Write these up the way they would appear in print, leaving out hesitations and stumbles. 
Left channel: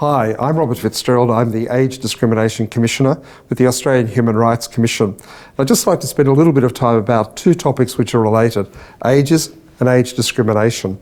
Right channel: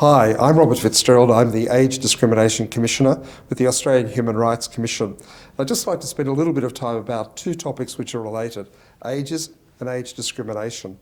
Hi, I'm Robert Fitzgerald. I'm the Age Discrimination Commissioner with the Australian Human Rights Commission. I'd just like to spend a little bit of time about two topics which are related, ageism and age discrimination.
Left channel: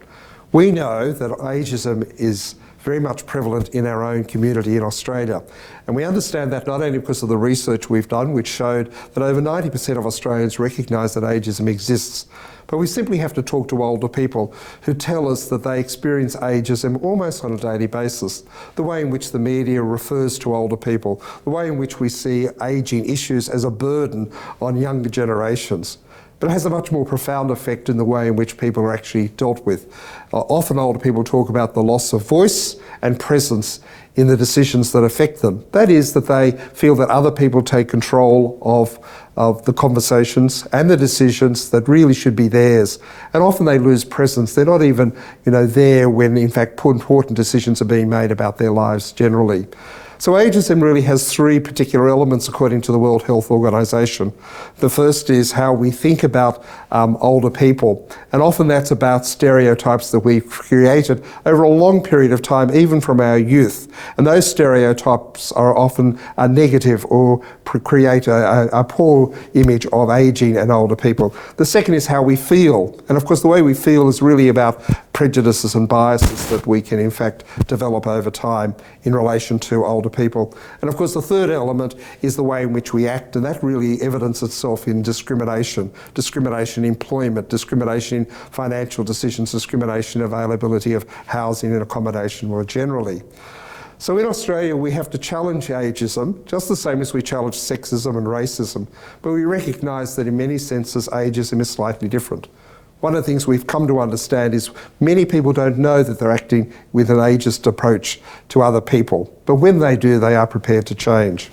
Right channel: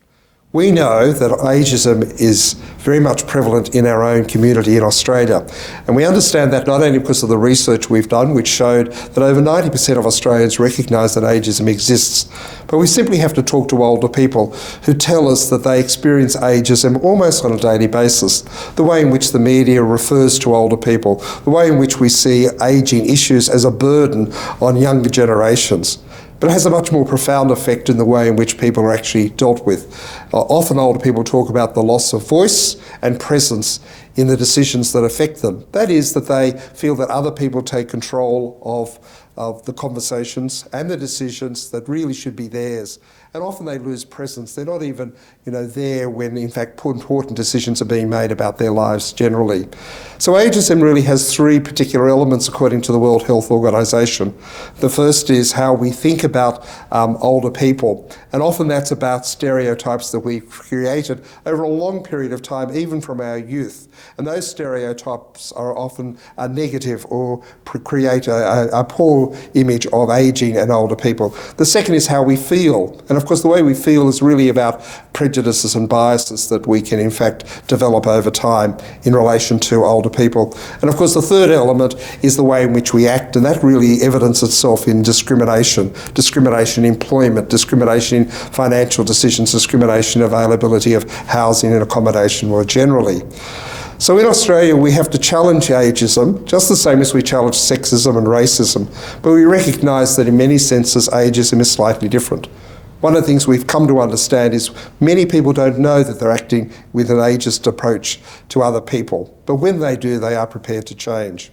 We know that ageism is very much prevalent in our own community in Australia. And we understand that not only because of the research we've done, which showed that over 90% of Australians recognise that ageism exists, but we simply have to talk to older people who tell us that they experience ageism almost on a daily basis. The way in which the media refers to older people, the way in which we see ageing issues as a burden on younger generations. But it has a much more profound effect in the way in which people are actually dealt with. Often older people talk about the loss of voice and presence in the decisions that affect them. That is, that they feel that other people take control of the conversations and the decisions that really should be theirs. And often they lose presence. They're not even, there when in fact important decisions are being made about their lives generally. So ageism really has three particular elements according to the World Health Organization. The first is how we think about older people, and often that's about stereotypes that we've created over a long period of time, even from our youth. And those stereotypes are often negative or create a poor image of ageing and older people. The second is how we feel, and of course the way we feel is really about prejudices and biases that we can in fact develop over time in relation to older people. And of course the third element is the way in which we act, and that really evidences itself in discrimination in employment, discrimination in financial decisions, discrimination in availability of housing and accommodation more generally. So in Australia we have to challenge ageism just the same as we challenge sexism and racism, but we recognise that in many senses ageism is slightly different. One of the things we've come to understand is many people don't know that they're acting with an ageist approach to other people, but when they do, they are prepared to change.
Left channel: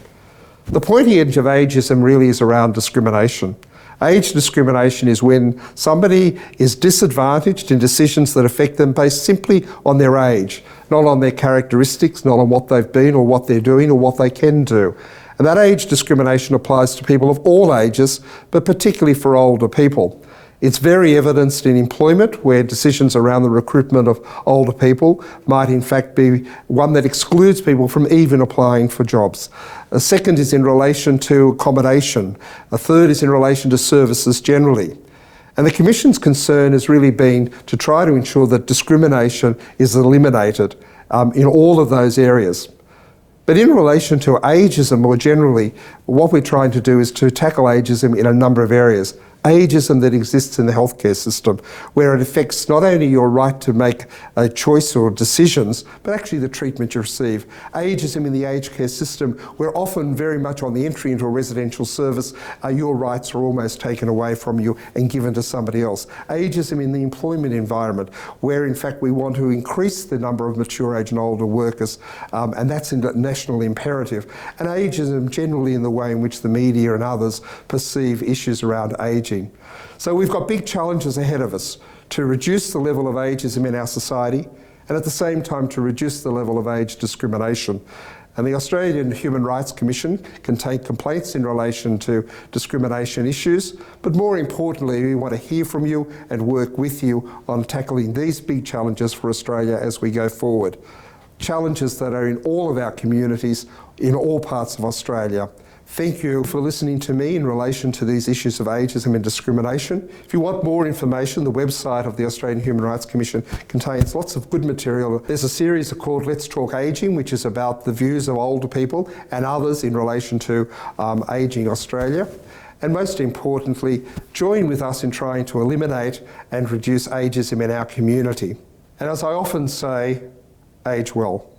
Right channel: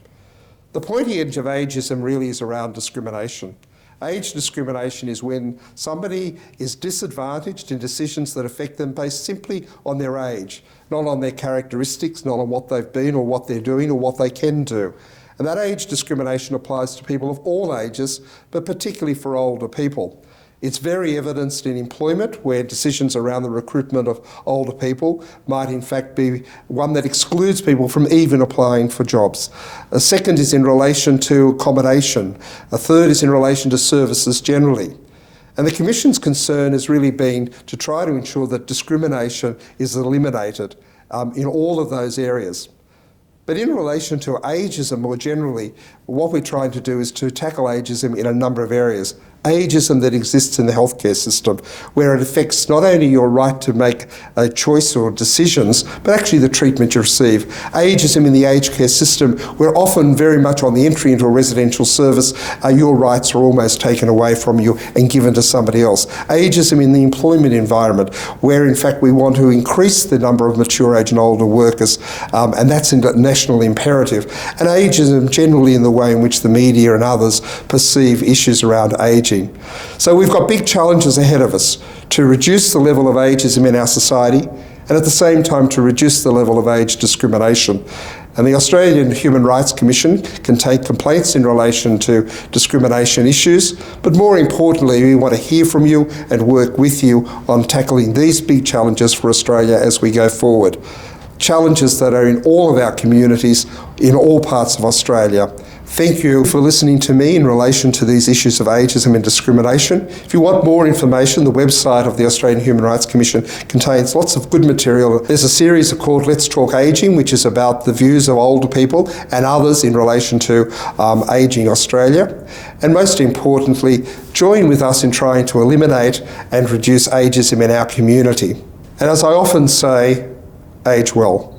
The pointy edge of ageism really is around discrimination. Age discrimination is when somebody is disadvantaged in decisions that affect them based simply on their age, not on their characteristics, not on what they've been or what they're doing or what they can do. And that age discrimination applies to people of all ages, but particularly for older people. It's very evidenced in employment, where decisions around the recruitment of older people might in fact be one that excludes people from even applying for jobs. A second is in relation to accommodation. A third is in relation to services generally. And the Commission's concern has really been to try to ensure that discrimination is eliminated in all of those areas. But in relation to ageism more generally, what we're trying to do is to tackle ageism in a number of areas. Ageism that exists in the healthcare system, where it affects not only your right to make a choice or decisions, but actually the treatment you receive. Ageism in the aged care system, where often very much on the entry into a residential service, your rights are almost taken away from you and given to somebody else. Ageism in the employment environment, where in fact we want to increase the number of mature age and older workers, and that's a national imperative. And ageism generally in the way in which the media and others perceive issues around ageing. So we've got big challenges ahead of us to reduce the level of ageism in our society and at the same time to reduce the level of age discrimination. And the Australian Human Rights Commission can take complaints in relation to discrimination issues, but more importantly, we want to hear from you and work with you on tackling these big challenges for Australia as we go forward. Challenges that are in all of our communities, in all parts of Australia. Thank you for listening to me in relation to these issues of ageism and discrimination. If you want more information, the website of the Australian Human Rights Commission contains lots of good material. There's a series called Let's Talk Ageing, which is about the views of older people and others in relation to ageing Australia. And most importantly, join with us in trying to eliminate and reduce ageism in our community. And as I often say, age well.